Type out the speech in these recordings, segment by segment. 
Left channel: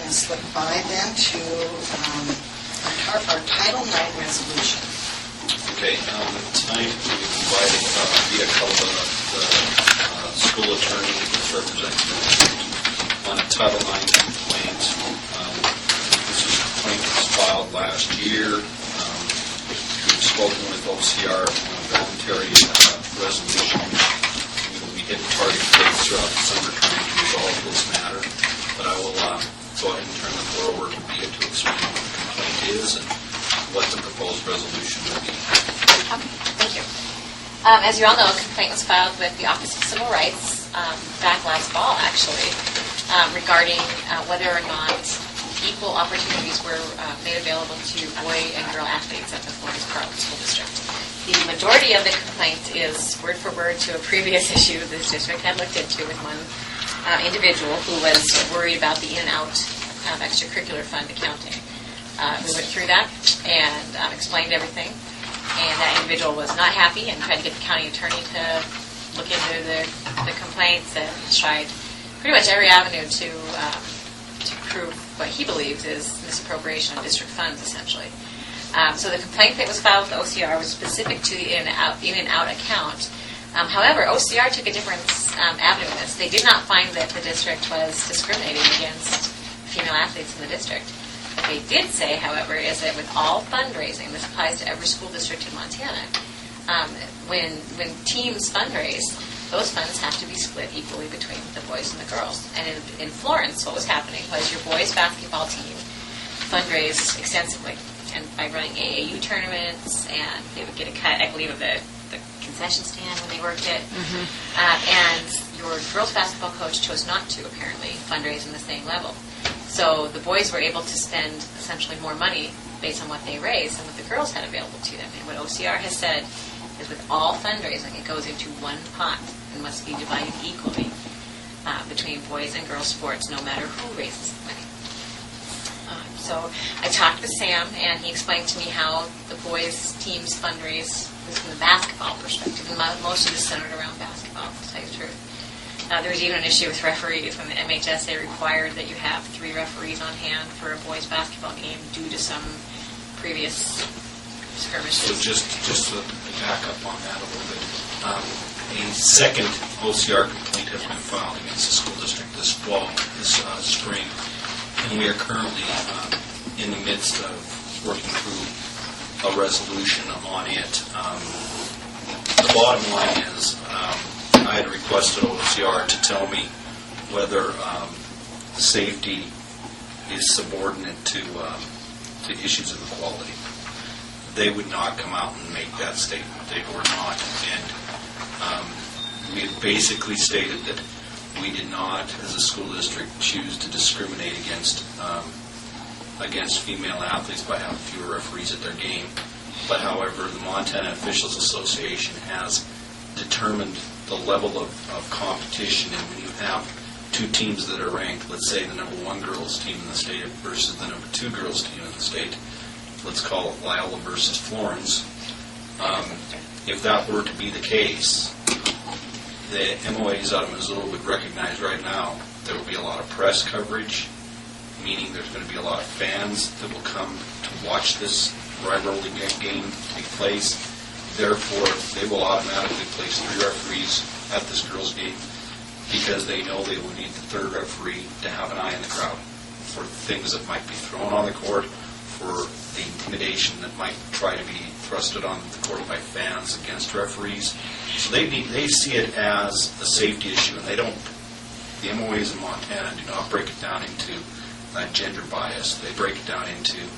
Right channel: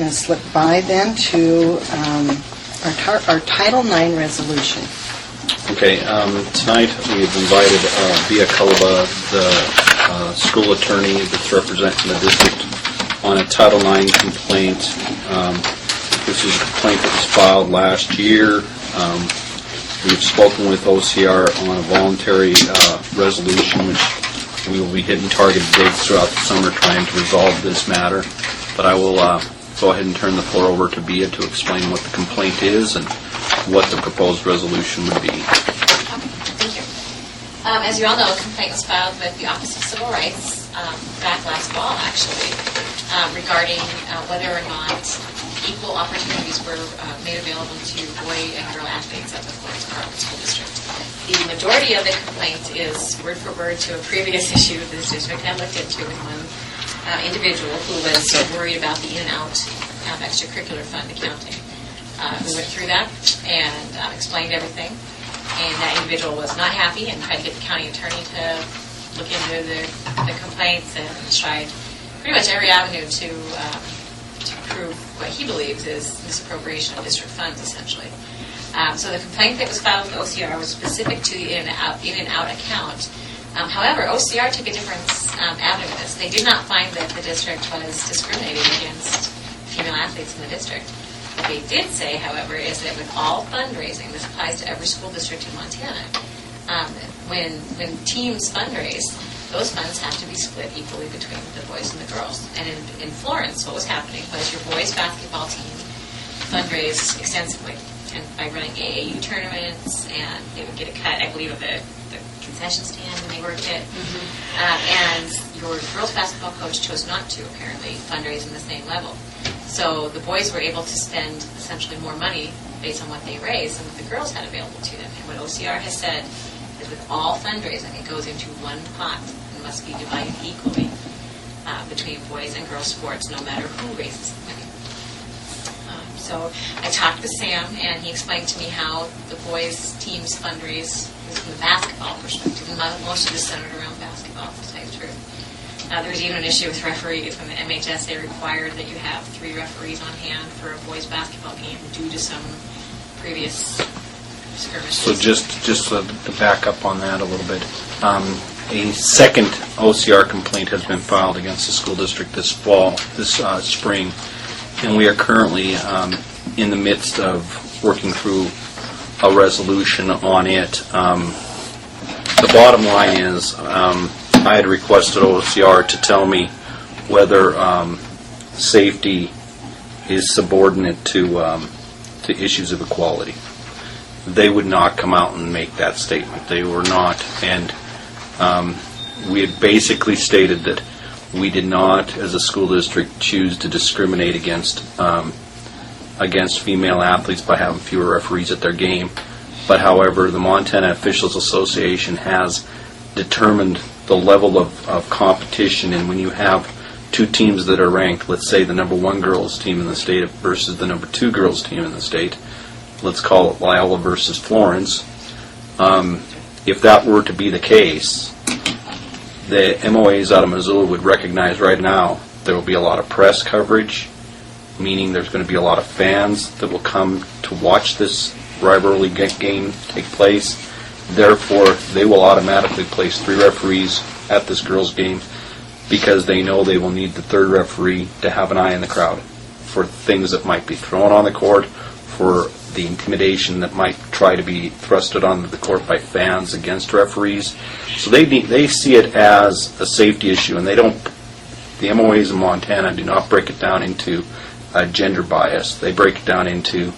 going to slip by then to our Title IX resolution. Okay, tonight we've invited Via Culaba, the school attorney that's representing the district, on a Title IX complaint. This is a complaint that was filed last year. We've spoken with OCR on a voluntary resolution, which we will be hitting target dates throughout the summer trying to resolve this matter. But I will go ahead and turn the floor over to Bea to explain what the complaint is and what the proposed resolution would be. Thank you. As you all know, a complaint was filed with the Office of Civil Rights back last fall, actually, regarding whether or not equal opportunities were made available to boy and girl athletes at the Florence Carlton School District. The majority of the complaint is word for word to a previous issue the district had looked into with one individual who was worried about the in and out of extracurricular fund accounting. We went through that and explained everything, and that individual was not happy and tried to get the county attorney to look into the complaints and tried pretty much every avenue to prove what he believes is misappropriation of district funds, essentially. So the complaint that was filed with OCR was specific to the in and out account. However, OCR took a different avenue with this. They did not find that the district was discriminating against female athletes in the district. What they did say, however, is that with all fundraising, this applies to every school district in Montana, when teams fundraise, those funds have to be split equally between the boys and the girls. And in Florence, what was happening was your boys' basketball team fundraised extensively, and by running AAU tournaments, and they would get a cut, I believe, of the concession stand when they worked it. And your girls' basketball coach chose not to, apparently, fundraise in the same level. So the boys were able to spend essentially more money based on what they raised than what the girls had available to them. And what OCR has said is with all fundraising, it goes into one pot and must be divided equally between boys and girls sports, no matter who raises the money. So I talked with Sam, and he explained to me how the boys' teams fundraise was from the basketball perspective, and most of it is centered around basketball, to tell you the truth. There was even an issue with referees. When the MHSA required that you have 3 referees on hand for a boys' basketball game due to some previous skirmishes. So just to back up on that a little bit, a second OCR complaint has been filed against the school district this spring, and we are currently in the midst of working through a resolution on it. The bottom line is I had requested OCR to tell me whether safety is subordinate to issues of equality. They would not come out and make that statement. They were not. And we had basically stated that we did not, as a school district, choose to discriminate against female athletes by having fewer referees at their game. But, however, the Montana Officials Association has determined the level of competition, and when you have 2 teams that are ranked, let's say the number 1 girls team in the state versus the number 2 girls team in the state, let's call it Loyola versus Florence, if that were to be the case, the MOAs out of Missoula would recognize right now there will be a lot of press coverage, meaning there's going to be a lot of fans that will come to watch this rivalry game take place. Therefore, they will automatically place 3 referees at this girls' game because they know they will need the 3rd referee to have an eye in the crowd for things that might be thrown on the court, for the intimidation that might try to be thrusted onto the court by fans against referees. So they see it as a safety issue, and they don't. The MOAs in Montana do not break it down into gender bias. They break it down into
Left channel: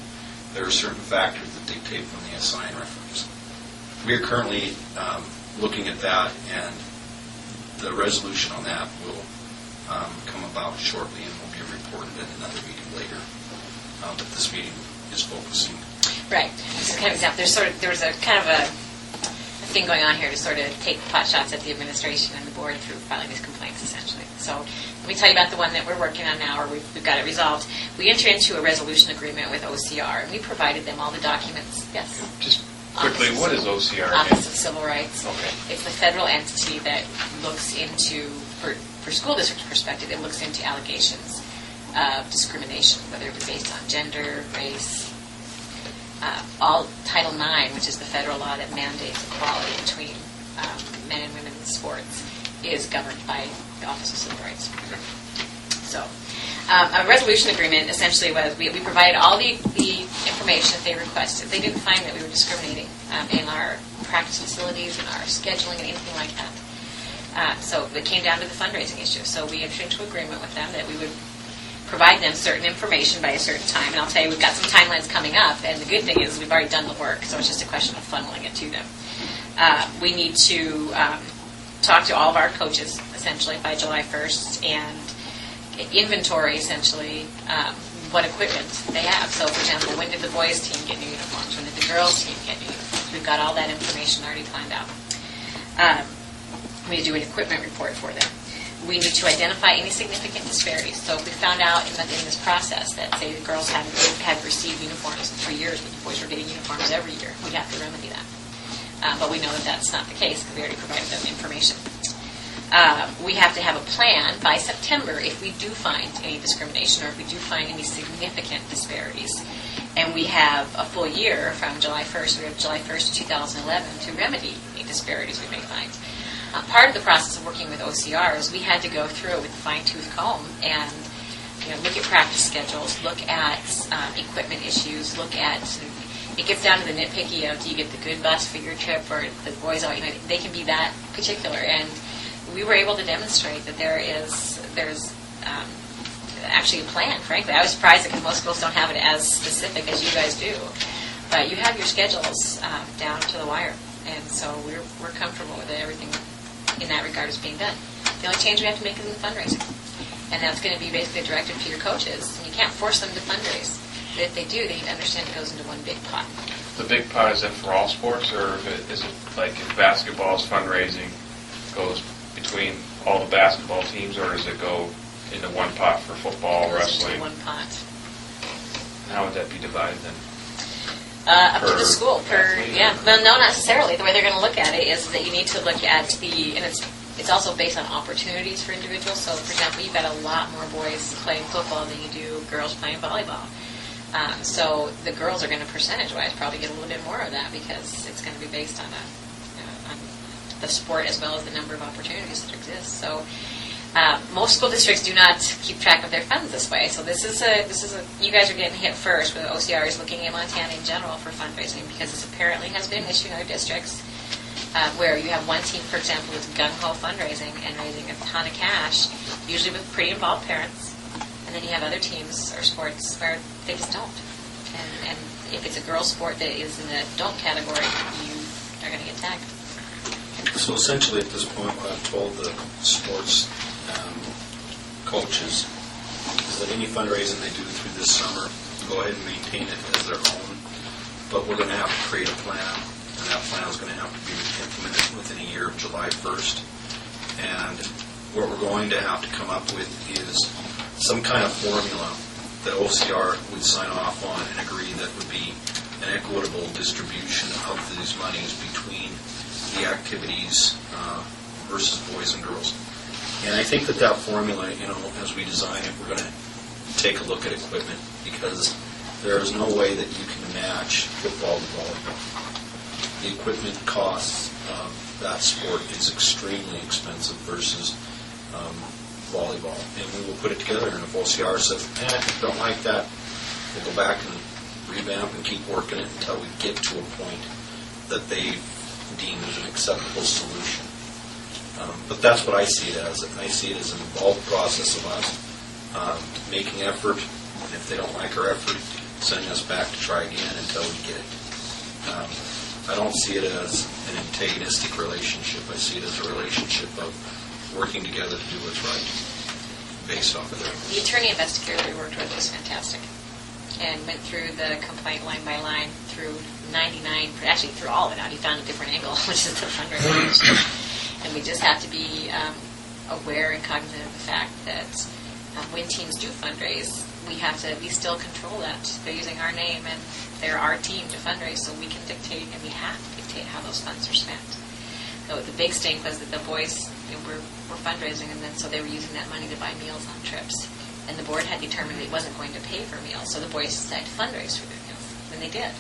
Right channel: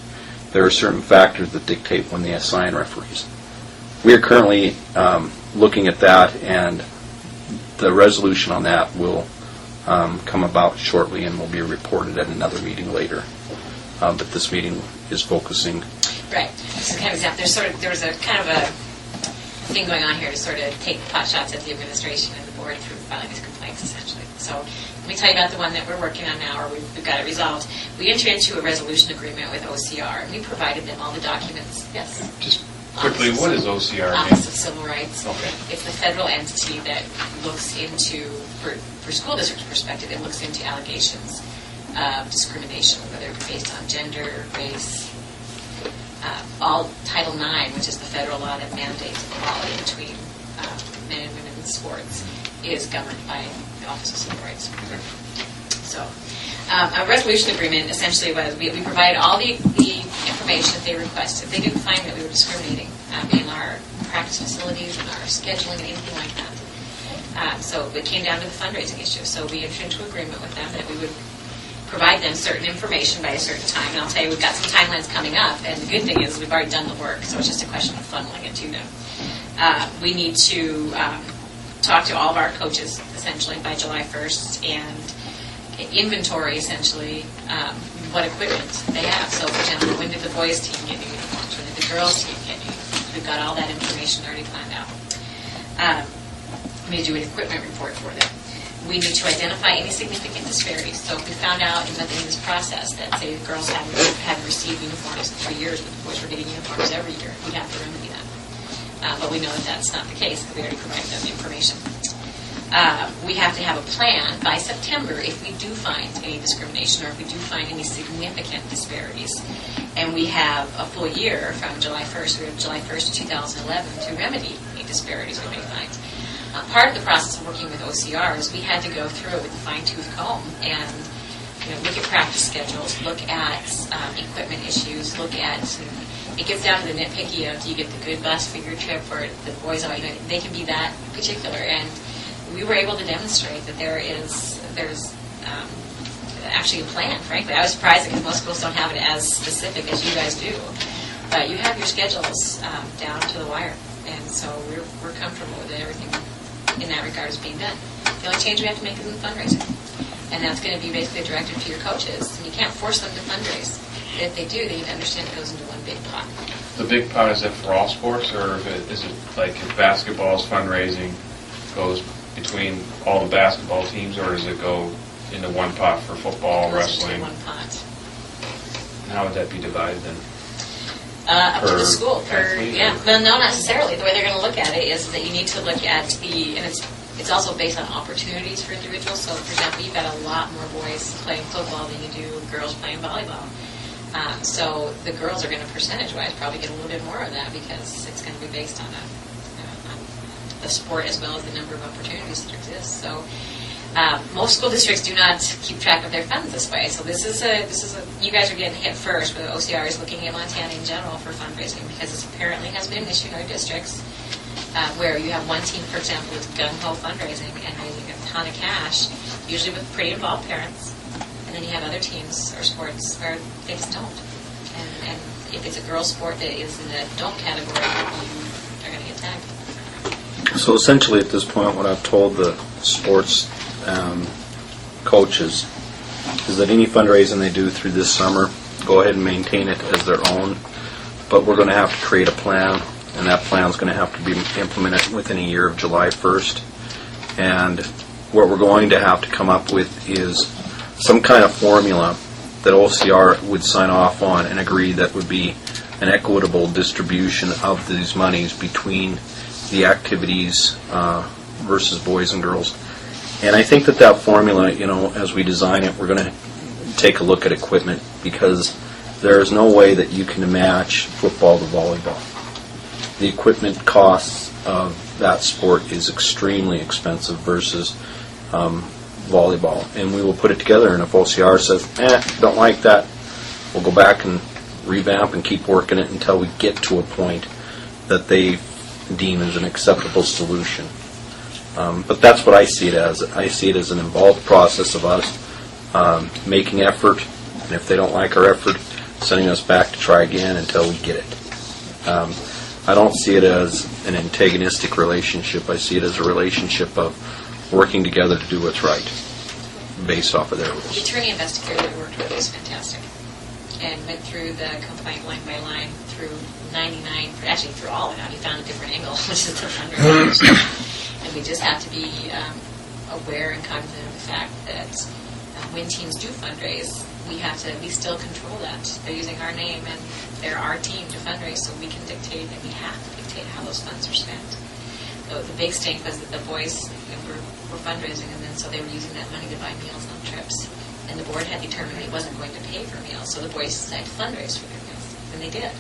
there are certain factors that dictate when they assign referees. We are currently looking at that, and the resolution on that will come about shortly and will be reported at another meeting later. But this meeting is focusing. Right. So kind of example, there was a kind of a thing going on here to sort of take pot shots at the administration and the board through filing these complaints, essentially. So let me tell you about the one that we're working on now, or we've got it resolved. We entered into a resolution agreement with OCR, and we provided them all the documents. Yes? Just quickly, what is OCR? Office of Civil Rights. Okay. It's a federal entity that looks into, for school district's perspective, it looks into allegations of discrimination, whether it be based on gender, race. All Title IX, which is the federal law that mandates equality between men and women in sports, is governed by the Office of Civil Rights. So, a resolution agreement essentially was we provided all the information that they requested. They didn't find that we were discriminating in our practice facilities, in our scheduling, and anything like that. So it came down to the fundraising issue. So we entered into agreement with them that we would provide them certain information by a certain time. And I'll tell you, we've got some timelines coming up, and the good thing is we've already done the work, so it's just a question of funneling it to them. We need to talk to all of our coaches, essentially, by July 1st, and inventory, essentially, what equipment they have. So, for example, when did the boys' team get new uniforms? When did the girls' team get new uniforms? We've got all that information already planned out. We need to do an equipment report for them. We need to identify any significant disparities. So if we found out in this process that, say, the girls hadn't received uniforms in 3 years, but the boys were getting uniforms every year, we'd have to remedy that. But we know that that's not the case because we already provided them information. We have to have a plan by September if we do find any discrimination or if we do find any significant disparities. And we have a full year from July 1st, we have July 1st, 2011, to remedy any disparities we may find. Part of the process of working with OCRs, we had to go through it with a fine-tooth comb and look at practice schedules, look at equipment issues, look at it gets down to the nitpicky of do you get the good bus for your trip or the boys all they can be that particular, and we were able to demonstrate that there's actually a plan. Frankly, I was surprised because most schools don't have it as specific as you guys do, but you have your schedules down to the wire, and so we're comfortable with everything in that regard is being done. The only change we have to make is in the fundraising, and that's going to be basically directed to your coaches, and you can't force them to fundraise. If they do, they need to understand it goes into one big pot. The big pot, is that for all sports, or is it like if basketball's fundraising goes between all the basketball teams, or does it go into one pot for football, It goes wrestling? into one pot. How would that be divided then? Up to Per the school. athlete, Yeah. or? Well, no, not necessarily. The way they're going to look at it is that you need to look at and it's also based on opportunities for individuals. So, for example, you've got a lot more boys playing football than you do girls playing volleyball. So the girls are going to, percentage-wise, probably get a little bit more of that because it's going to be based on on the sport as well as the number of opportunities that exist. So most school districts do not keep track of their funds this way. So this is you guys are getting hit first with OCR is looking at Montana in general for fundraising because this apparently has been an issue in other districts where you have one team, for example, that's gung-ho fundraising and raising a ton of cash, usually with pretty involved parents. And then you have other teams or sports where they just don't. And if it's a girls' sport that is in the don't category, you are going to get tagged. So essentially at this point what I've told the sports coaches is that any fundraising they do through this summer, go ahead and maintain it as their own, but we're going to have to create a plan, and that plan is going to have to be implemented within a year of July 1st. And what we're going to have to come up with is some kind of formula that OCR would sign off on and agree that would be an equitable distribution of these monies between the activities versus boys and girls. And I think that formula, as we design it, we're going to take a look at equipment because there is no way that you can match football to volleyball. The equipment costs of that sport is extremely expensive versus volleyball, and we will put it together, and if OCR says, don't like that, we'll go back and revamp and keep working it until we get to a point that they deem as an acceptable solution. But that's what I see it as. I see it as an involved process of us making effort, and if they don't like our effort, sending us back to try again until we get it. I don't see it as an antagonistic relationship. I see it as a relationship of working together to do what's right, based off of their rules. The attorney investigator we worked with was fantastic and went through the complaint line by line through 99, actually through all of it out. He found a different angle, which is the fundraising. And we just have to be aware and cognizant of the fact that when teams do fundraise, we still control that. They're using our name and they're our team to fundraise, so we can dictate and we have to dictate how those funds are spent. So the big stink was that the boys were fundraising, and then so they were using that money to buy meals on trips. and the board had determined it wasn't going to pay for meals, so the boys decided to fundraise for their meals, and they did.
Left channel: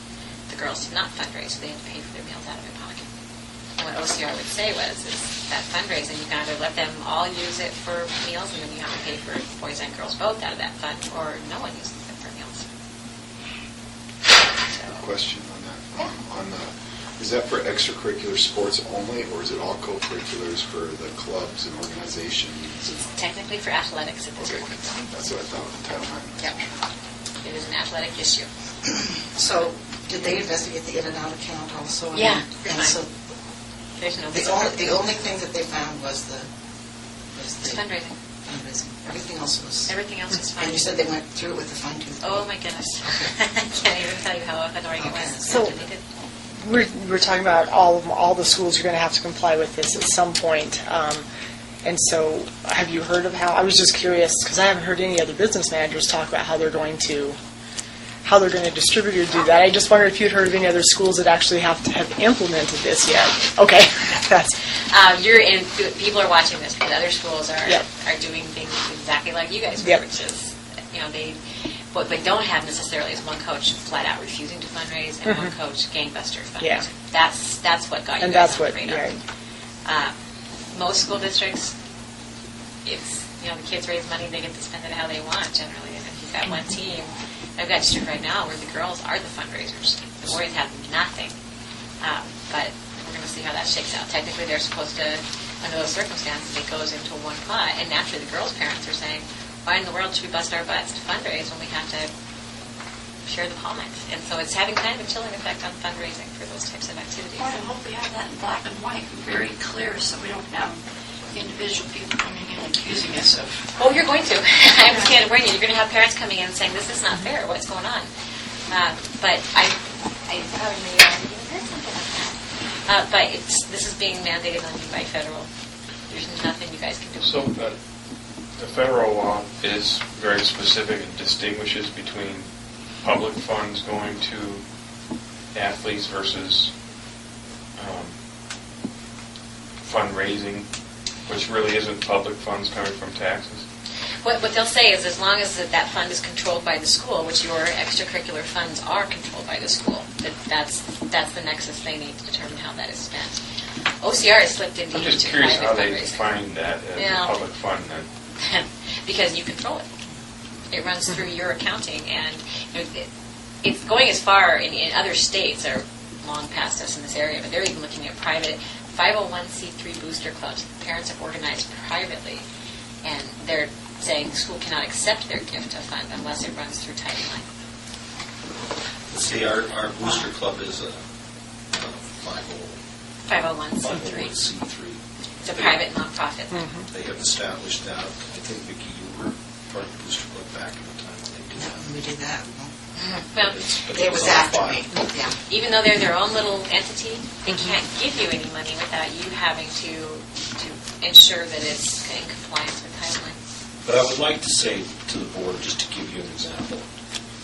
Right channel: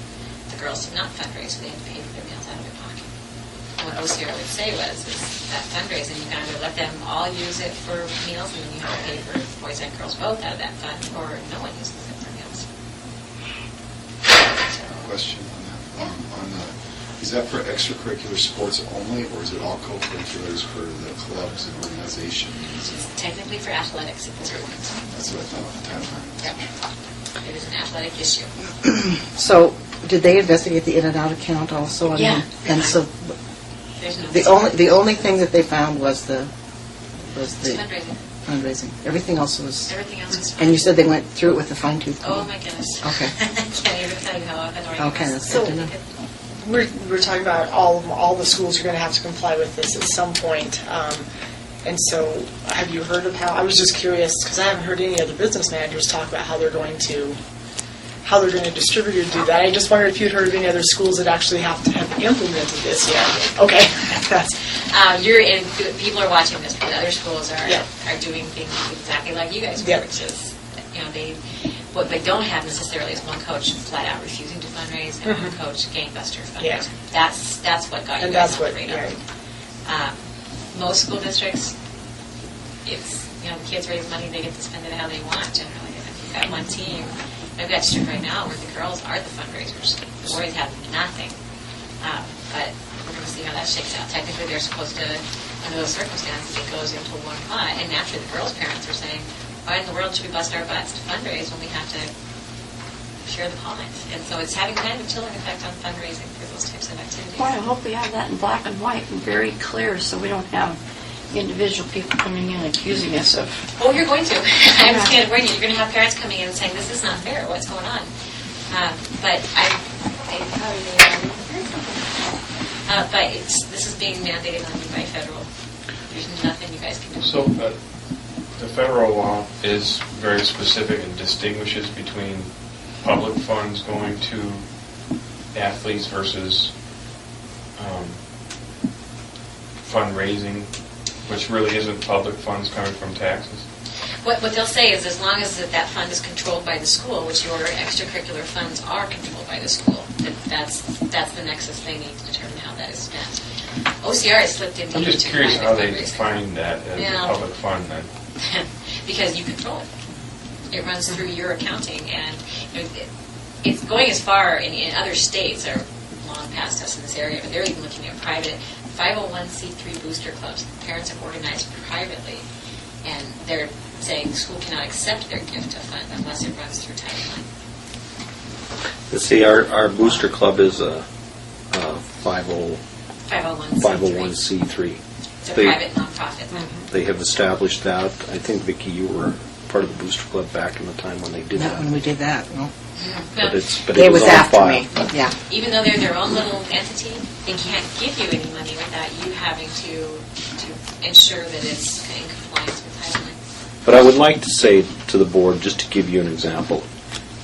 The girls did not fundraise, so they had to pay for their meals out of their pocket. And what OCR would say was, is that fundraising, you can either let them all use it for meals, and then you have to pay for boys and girls both out of that fund, or no one uses it for meals. So, Question on that. Yeah. On the, is that for extracurricular sports only, or is it all co-curriculars for the clubs and organizations? technically for athletics at this Okay, point. that's what I thought with the Title IX. Yep. It is an athletic issue. So, did they investigate the in and out account also? I Yeah. mean, and so, There's no the only thing that they found was the It's fundraising. fundraising. Everything else was. Everything else is fine. And you said they went through it with a fine tooth comb. Oh my goodness. Okay. I can't even tell you how annoying Okay, it was. that's So- good to know. We're talking about all the schools are going to have to comply with this at some point. And so, have you heard of how? I was just curious because I haven't heard any other business managers talk about how they're going to distribute or do that. I just wondered if you'd heard of any other schools that actually have implemented this yet. Okay, that's People are watching this because other schools are Yep. are doing things exactly like you guys were, Yep. which is, what they don't have necessarily is one coach flat out refusing to fundraise and one coach gangbuster fundraising. Yeah. That's what got you and guys that's on what. the radar. Yeah. Most school districts, if the kids raise money, they get to spend it how they want generally. And if you've got one team, I've got a district right now where the girls are the fundraisers. The boys have nothing. But we're going to see how that shakes out. Technically, they're supposed to, under those circumstances, it goes into one pot. And naturally, the girls' parents are saying, why in the world should we bust our butts to fundraise when we have to share the pot? And so it's having kind of a chilling effect on fundraising for those types of activities. Boy, I hope we have that in black and white and very clear so we don't have individual people coming in accusing us of... Oh, you're going to. I'm just going to warn you. You're going to have parents coming in and saying, this is not fair. What's going on? But I probably may have heard something. But this is being mandated on you by federal. There's nothing you guys can do. So the federal law is very specific and distinguishes between public funds going to athletes versus fundraising, which really isn't public funds coming from taxes. What they'll say is as long as that fund is controlled by the school, which your extracurricular funds are controlled by the school, that's the nexus they need to determine how that is spent. OCR has slipped into I'm just to curious private how they fundraising. define that as Yeah. a public fund then. Because you control it. It runs through your accounting, and it's going as far in other states are long past us in this area, but they're even looking at private 501c3 booster clubs. Parents are organized privately, and they're saying the school cannot accept their gift to fund unless it runs through Title IX. See, our booster club is a 501c3. 501c3. It's a They- private nonprofit. They have established that. I think, Vicki, you were part of the booster club back in the time when they did Not that. when we did that, no. But It it was on after file. me, yeah. Even though they're their own little entity, they can't give you any money without you having to ensure that it's in compliance with Title IX. But I would like to say to the board, just to give you an example,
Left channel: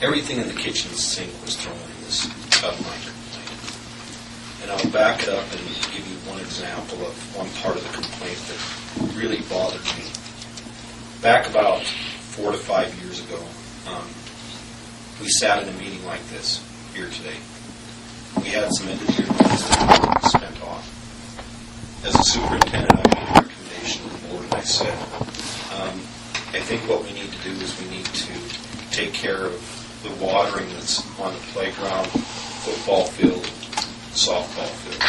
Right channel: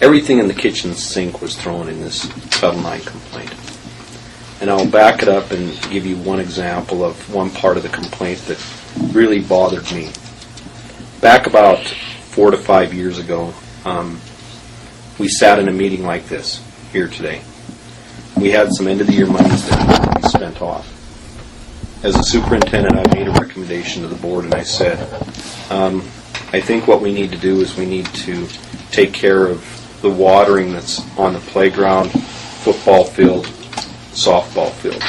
everything in the kitchen sink was thrown in this Title IX complaint. And I'll back it up and give you one example of one part of the complaint that really bothered me. Back about 4 to 5 years ago, we sat in a meeting like this here today. We had some end-of-the-year monies that had to be spent off. As a superintendent, I made a recommendation to the board, and I said, I think what we need to do is we need to take care of the watering that's on the playground, football field, softball field.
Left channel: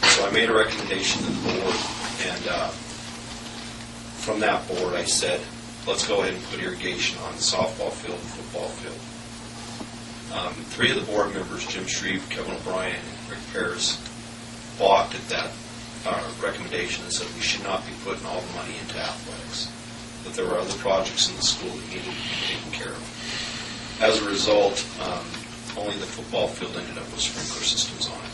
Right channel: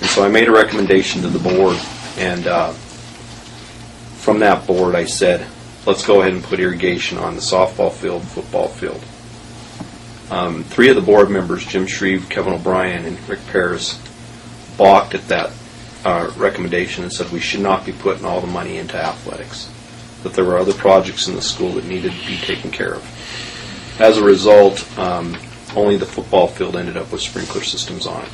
And so I made a recommendation to the board, and from that board I said, let's go ahead and put irrigation on the softball field, football field. 3 of the board members, Jim Shreve, Kevin O'Brien, and Rick Paris, balked at that recommendation and said we should not be putting all the money into athletics, that there were other projects in the school that needed to be taken care of. As a result, only the football field ended up with sprinkler systems on it.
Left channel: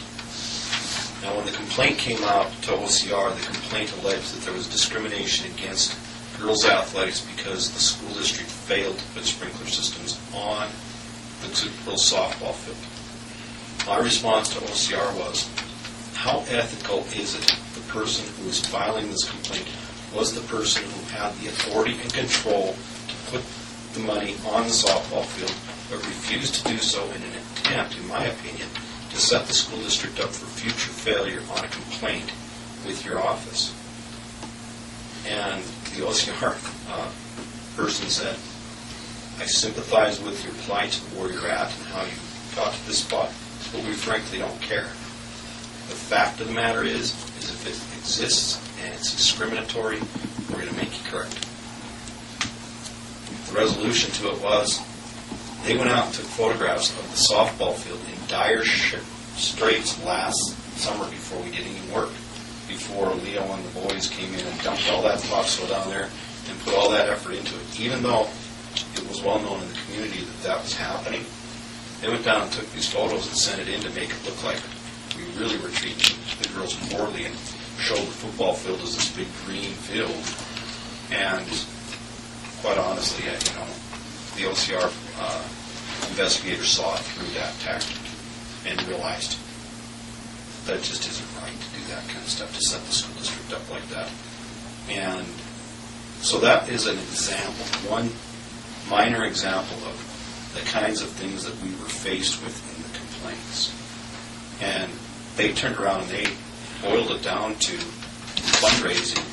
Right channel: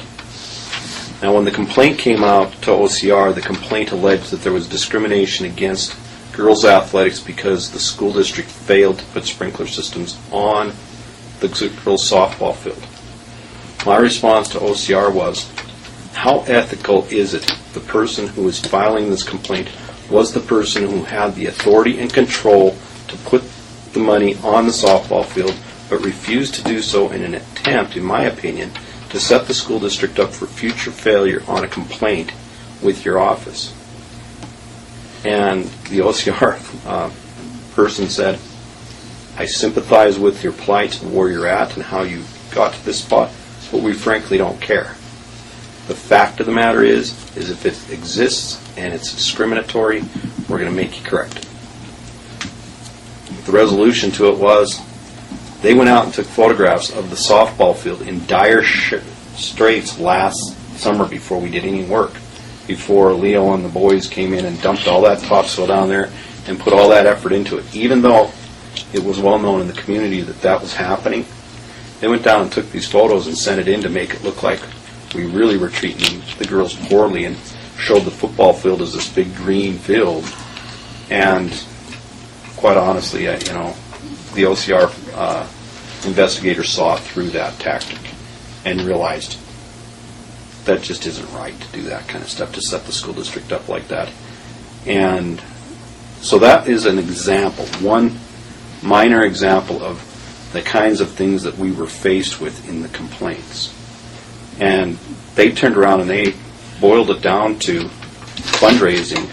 Now, when the complaint came out to OCR, the complaint alleged that there was discrimination against girls' athletics because the school district failed to put sprinkler systems on the girls' softball field. My response to OCR was, how ethical is it the person who is filing this complaint was the person who had the authority and control to put the money on the softball field, but refused to do so in an attempt, in my opinion, to set the school district up for future failure on a complaint with your office. And the OCR person said, I sympathize with your plight and where you're at and how you got to this spot, but we frankly don't care. The fact of the matter is if it exists and it's discriminatory, we're going to make you correct it. The resolution to it was they went out and took photographs of the softball field in dire straits last summer before we did any work, before Leo and the boys came in and dumped all that topsoil down there and put all that effort into it. Even though it was well known in the community that that was happening, they went down and took these photos and sent it in to make it look like we really were treating the girls poorly and showed the football field as this big green field. And quite honestly, the OCR investigators saw through that tactic and realized that just isn't right to do that kind of stuff, to set the school district up like that. And so that is an example, one minor example of the kinds of things that we were faced with in the complaints. And they turned around and they boiled it down to fundraising.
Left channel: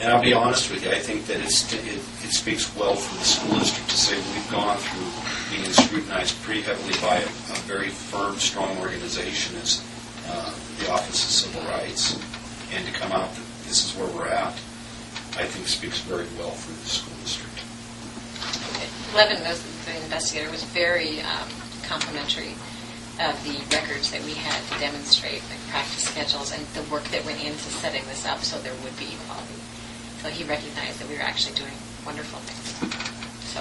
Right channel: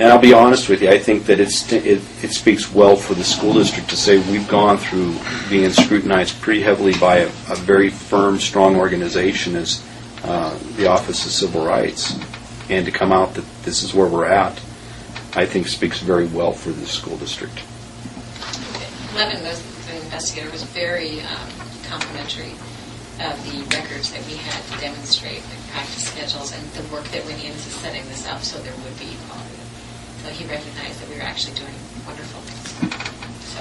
And I'll be honest with you, I think that it speaks well for the school district to say we've gone through being scrutinized pretty heavily by a very firm, strong organization as the Office of Civil Rights, and to come out that this is where we're at, I think speaks very well for the school district. Levin, the investigator, was very complimentary of the records that we had to demonstrate the practice schedules and the work that went into setting this up so there would be equality. So he recognized that we were actually doing wonderful things. So,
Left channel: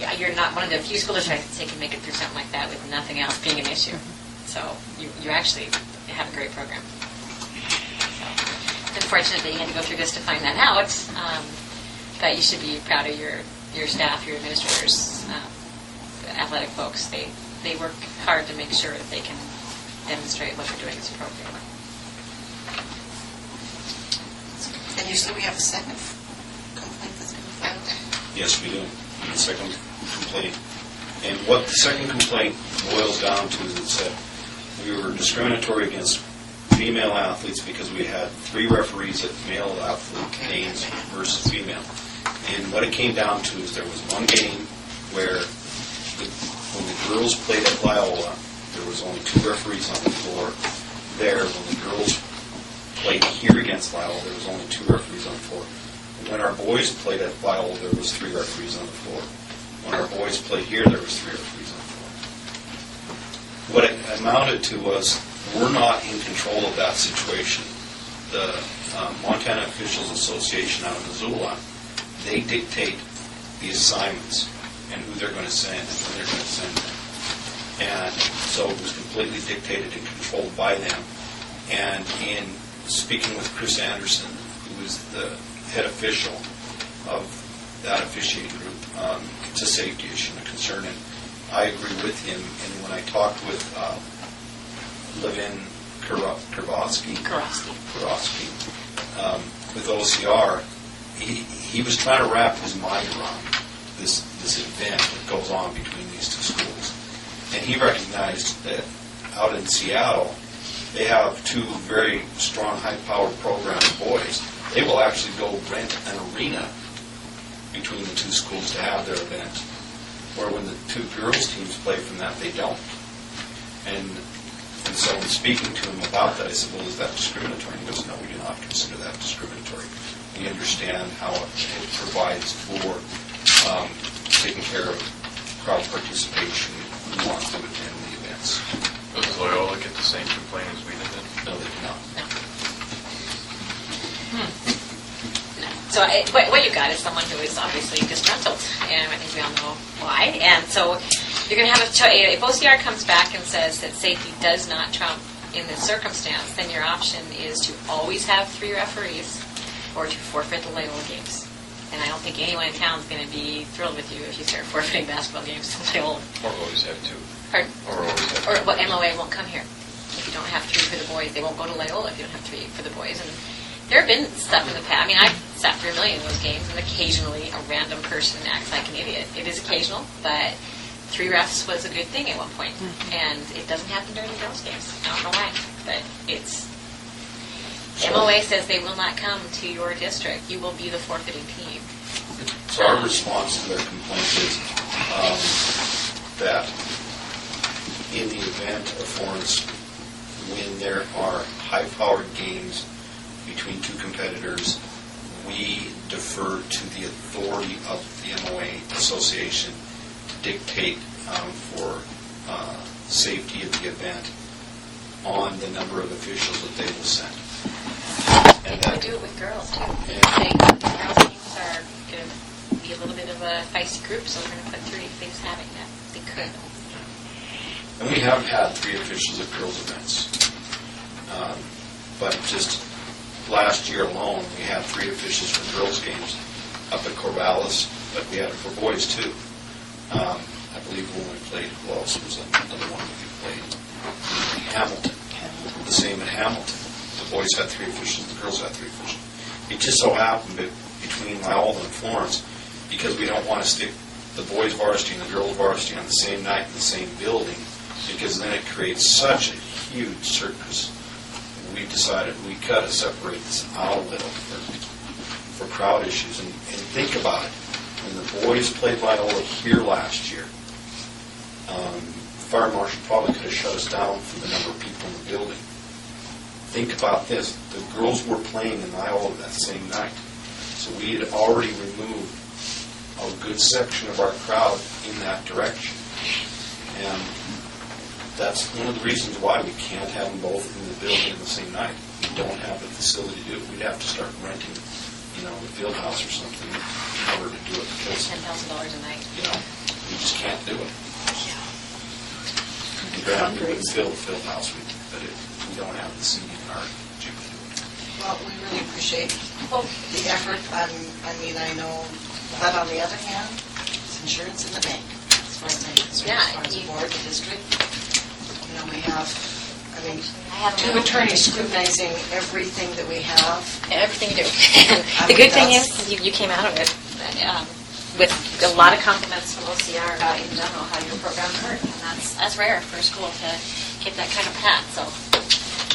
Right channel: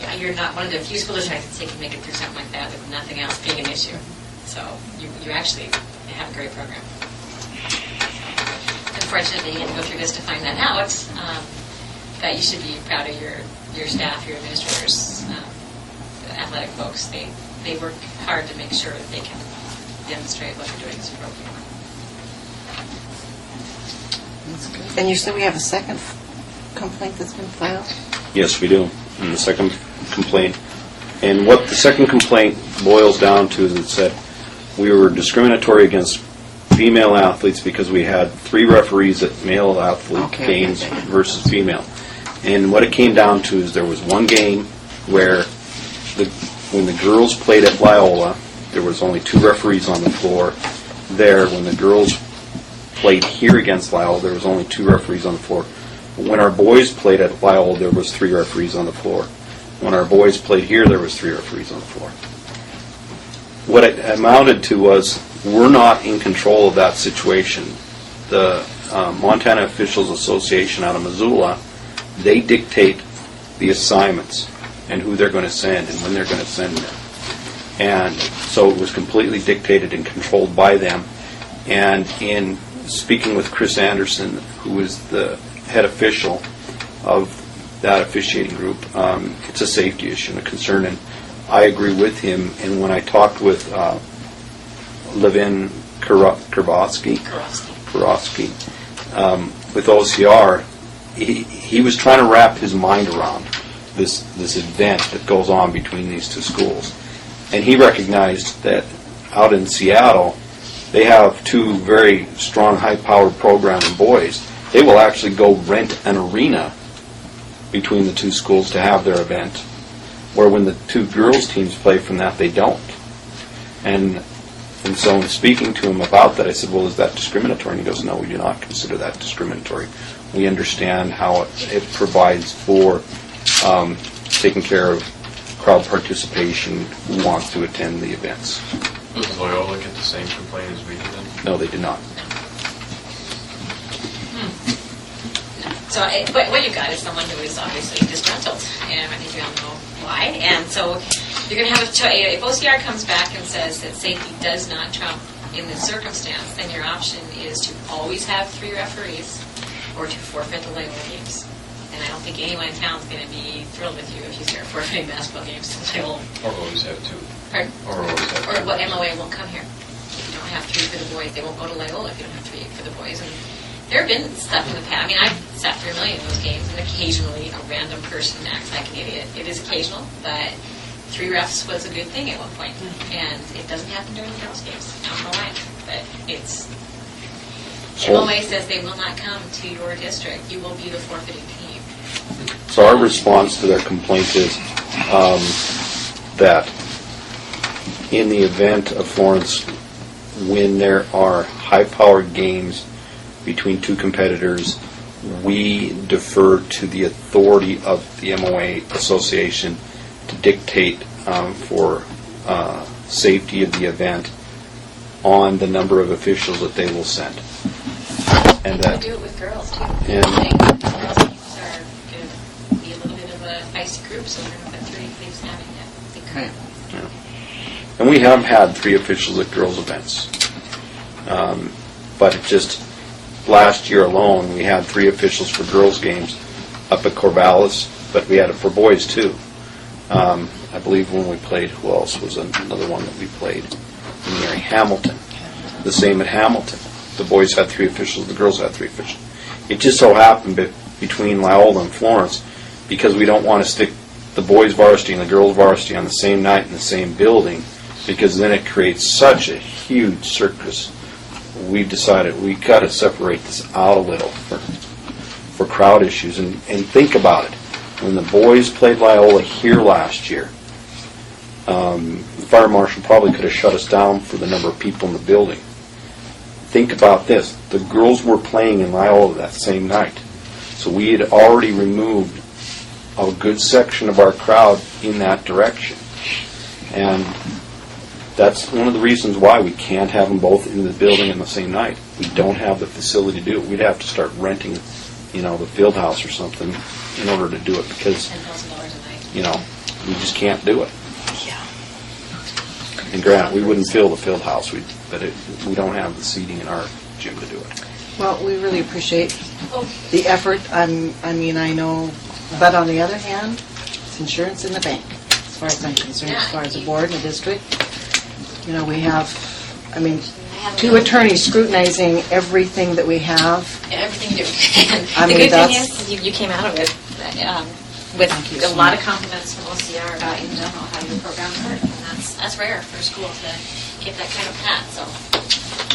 yeah, you're not one of the few school districts that can make it through something like that with nothing else being an issue. So you actually have a great program. Unfortunately, you had to go through this to find that out. But you should be proud of your staff, your administrators, the athletic folks. They work hard to make sure that they can demonstrate what they're doing is appropriate. And you said we have a second complaint that's been filed? Yes, we do. And the second complaint, and what the second complaint boils down to is it said we were discriminatory against female athletes because we had 3 referees at male athlete games versus female. And what it came down to is there was one game where when the girls played at Loyola, there was only 2 referees on the floor. There, when the girls played here against Loyola, there was only 2 referees on the floor. When our boys played at Loyola, there was 3 referees on the floor. When our boys played here, there was 3 referees on the floor. What it amounted to was we're not in control of that situation. The Montana Officials Association out of Missoula, they dictate the assignments and who they're going to send and when they're going to send them. And so it was completely dictated and controlled by them. And in speaking with Chris Anderson, who is the head official of that officiating group, it's a safety issue and a concern, and I agree with him. And when I talked with Levin Kurowski with OCR, he was trying to wrap his mind around this event that goes on between these 2 schools. And he recognized that out in Seattle, they have 2 very strong, high-powered programming boys. They will actually go rent an arena between the 2 schools to have their event, where when the 2 girls teams play from that, they don't. And so in speaking to him about that, I said, well, is that discriminatory? And he goes, no, we do not consider that discriminatory. We understand how it provides for taking care of crowd participation who want to attend the events. Does Loyola get the same complaint as we did then? No, they do not. So what you got is someone who is obviously disgruntled, and I think we all know why. And so you're going to have if OCR comes back and says that safety does not trump in this circumstance, then your option is to always have 3 referees or to forfeit the Loyola games. And I don't think anyone in town is going to be thrilled with you if you start forfeiting basketball games to Loyola. Or always have 2. Pardon? Or always have 2. Or what MOA won't come here. If you don't have 3 for the boys, they won't go to Loyola if you don't have 3 for the boys. And there have been stuff in the past. I mean, I've sat through a million of those games, and occasionally a random person acts like an idiot. It is occasional, but 3 refs was a good thing at one point, and it doesn't happen during the girls' games. I don't know why, but it's... MOA says they will not come to your district. You will be the forfeiting team. So our response to their complaint is that in the event of Florence, when there are high-powered games between 2 competitors, we defer to the authority of the MOA Association to dictate for safety of the event on the number of officials that they will send. And They do it with girls, too. And- Saying that the girls' teams are going to be a little bit of a feisty group, so we're going to put 3 things having that. They could. And we have had 3 officials at girls' events. But it just, last year alone, we had 3 officials for girls' games up at Corvallis, but we had it for boys, too. I believe when we played, who else was another one that we played? In Hamilton. The same at Hamilton. The boys had 3 officials, the girls had 3 officials. It just so happened between Loyola and Florence, because we don't want to stick the boys' varsity and the girls' varsity on the same night in the same building, because then it creates such a huge circus. We've decided we've got to separate this out a little for crowd issues. And think about it. When the boys played Loyola here last year, the fire marshal probably could have shut us down for the number of people in the building. Think about this. The girls were playing in Loyola that same night. So we had already removed a good section of our crowd in that direction. And that's one of the reasons why we can't have them both in the building in the same night. We don't have the facility to do it. We'd have to start renting, the field house or something in order to do it, because, $10,000 a night. we just can't do it. And granted, we wouldn't fill the field house, but we don't have the seating in our gym to do it. Well, we really appreciate the effort. I know, but on the other hand, it's insurance in the bank, as far as I'm concerned, Yeah, as far as the you- board and the district. We have, I have 2 attorneys scrutinizing everything that we have. everything you do. I The mean, good thing that's- is you came out of it with Thank you a so lot much. of compliments from OCR about in general how your program worked, and that's rare for a school to get that kind of pat. So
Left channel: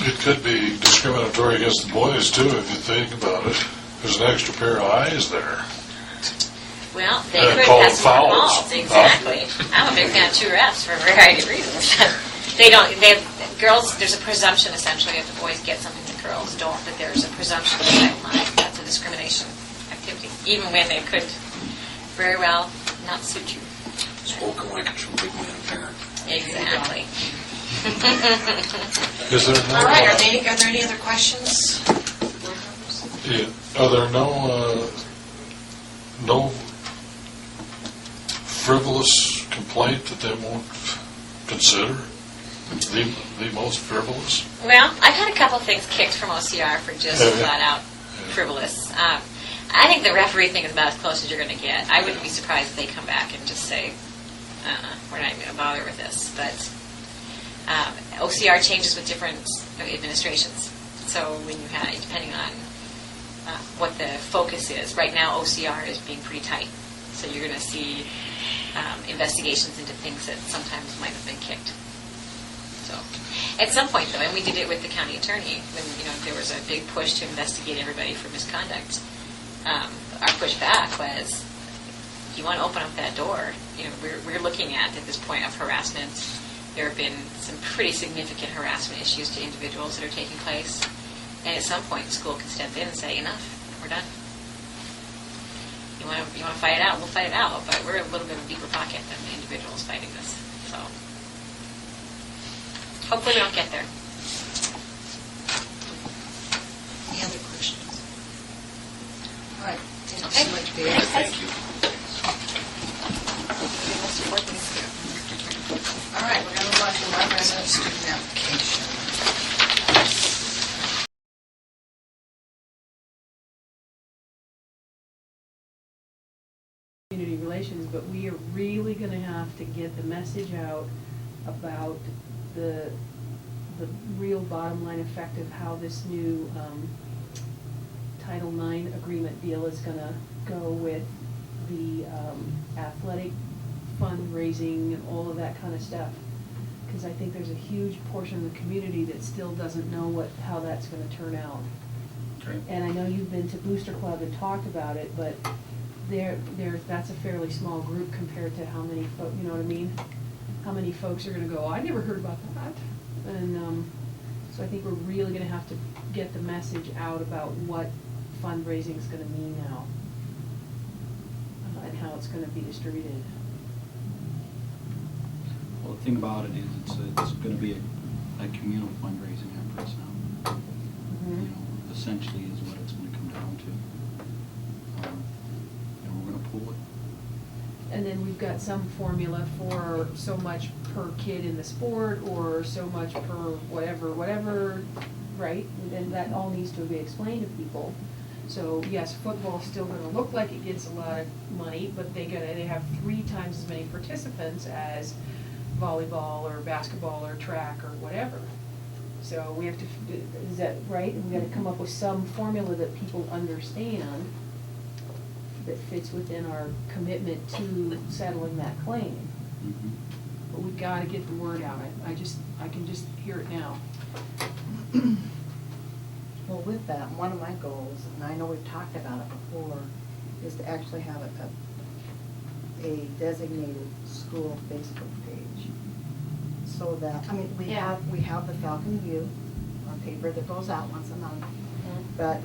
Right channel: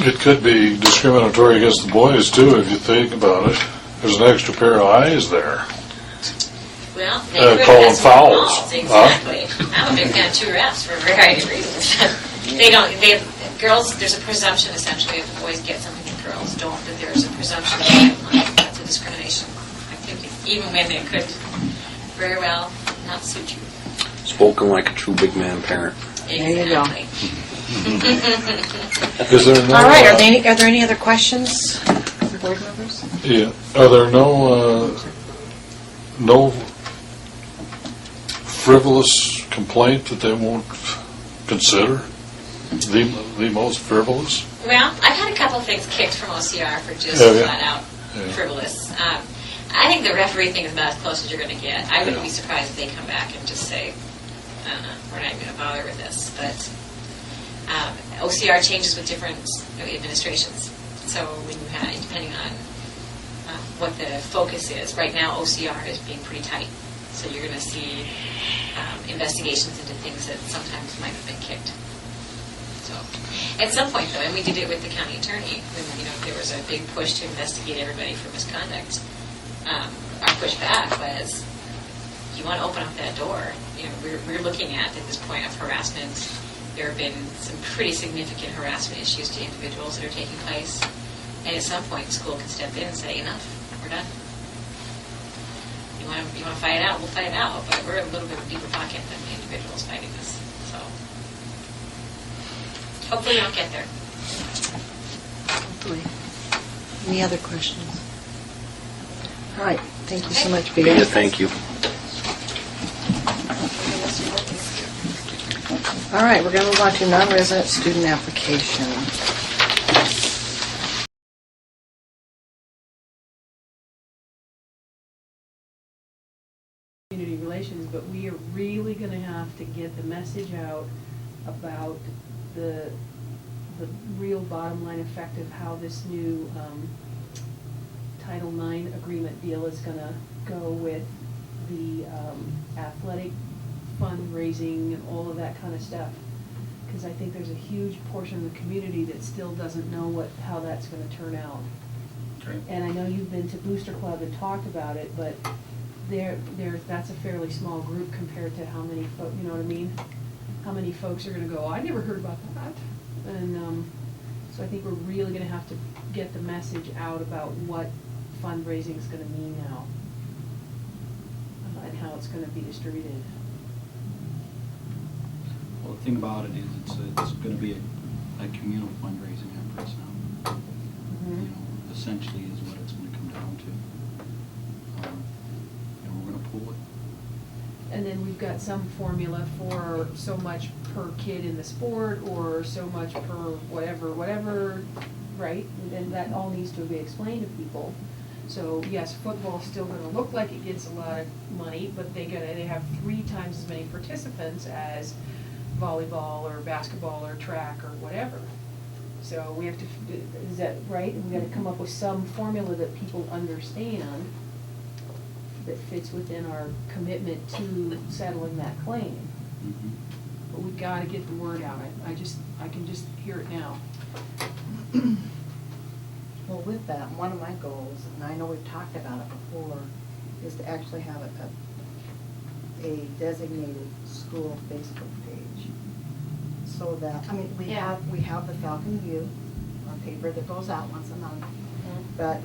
It could be discriminatory against the boys, too, if you think about it. There's an extra pair of eyes there. well, they could call have them fouls. calls. Exactly. I'm a big fan of 2 refs for a variety of reasons. Girls, there's a presumption essentially if the boys get something that girls don't, that there's a presumption that that's a discrimination activity, even when they could very well not suit you. Spoken like a true big man parent. you go. Exactly. Is there no? All right, are there any other questions for board members? Yeah. Are there no frivolous complaint that they won't consider? The most frivolous? Well, I've had a couple of things kicked from OCR for just Oh, yeah. flat out Yeah. frivolous. I think the referee thing is about as close as you're going to get. I wouldn't be surprised if they come back and just say, we're not even going to bother with this. But OCR changes with different administrations. So when you have, depending on what the focus is, right now OCR is being pretty tight. So you're going to see investigations into things that sometimes might have been kicked. So, at some point, though, and we did it with the county attorney, when there was a big push to investigate everybody for misconduct. Our pushback was, you want to open up that door. We're looking at this point of harassment. There have been some pretty significant harassment issues to individuals that are taking place, and at some point, the school can step in and say, enough, we're done. You want to fight it out? We'll fight it out, but we're a little bit of a deeper pocket than the individuals fighting this. So. Hopefully we don't get there. Hopefully. Any other questions? All right, thank you so Okay. much, Yeah, Peter. thank you. All right, we're going to move on to non-resident student application. Community relations, but we are really going to have to get the message out about the real bottom line effect of how this new Title IX agreement deal is gonna go with the athletic fundraising and all of that kind of stuff. Because I think there's a huge portion of the community that still doesn't know how that's gonna turn out. Okay. And I know you've been to Booster Club and talked about it, but that's a fairly small group compared to how many you know what I mean? How many folks are gonna go, I never heard about that. And, so I think we're really gonna have to get the message out about what fundraising is gonna mean now. And how it's gonna be distributed. Well, the thing about it is, it's going to be a communal fundraising efforts now. You know, essentially is what it's going to come down to. And we're going to pool it. And then we've got some formula for so much per kid in the sport, or so much per whatever, right? And that all needs to be explained to people. So yes, football's still gonna look like it gets a lot of money, but they have 3 times as many participants as volleyball or basketball or track or whatever. So we have to, is that right? And we gotta come up with some formula that people understand that fits within our commitment to settling that claim. Mm-hmm. But we gotta get the word out. I can just hear it now. Well, with that, one of my goals, and I know we've talked about it before, is to actually have a designated school Facebook page. So that, I mean, we have the Falcon View, our paper that goes out once a month, but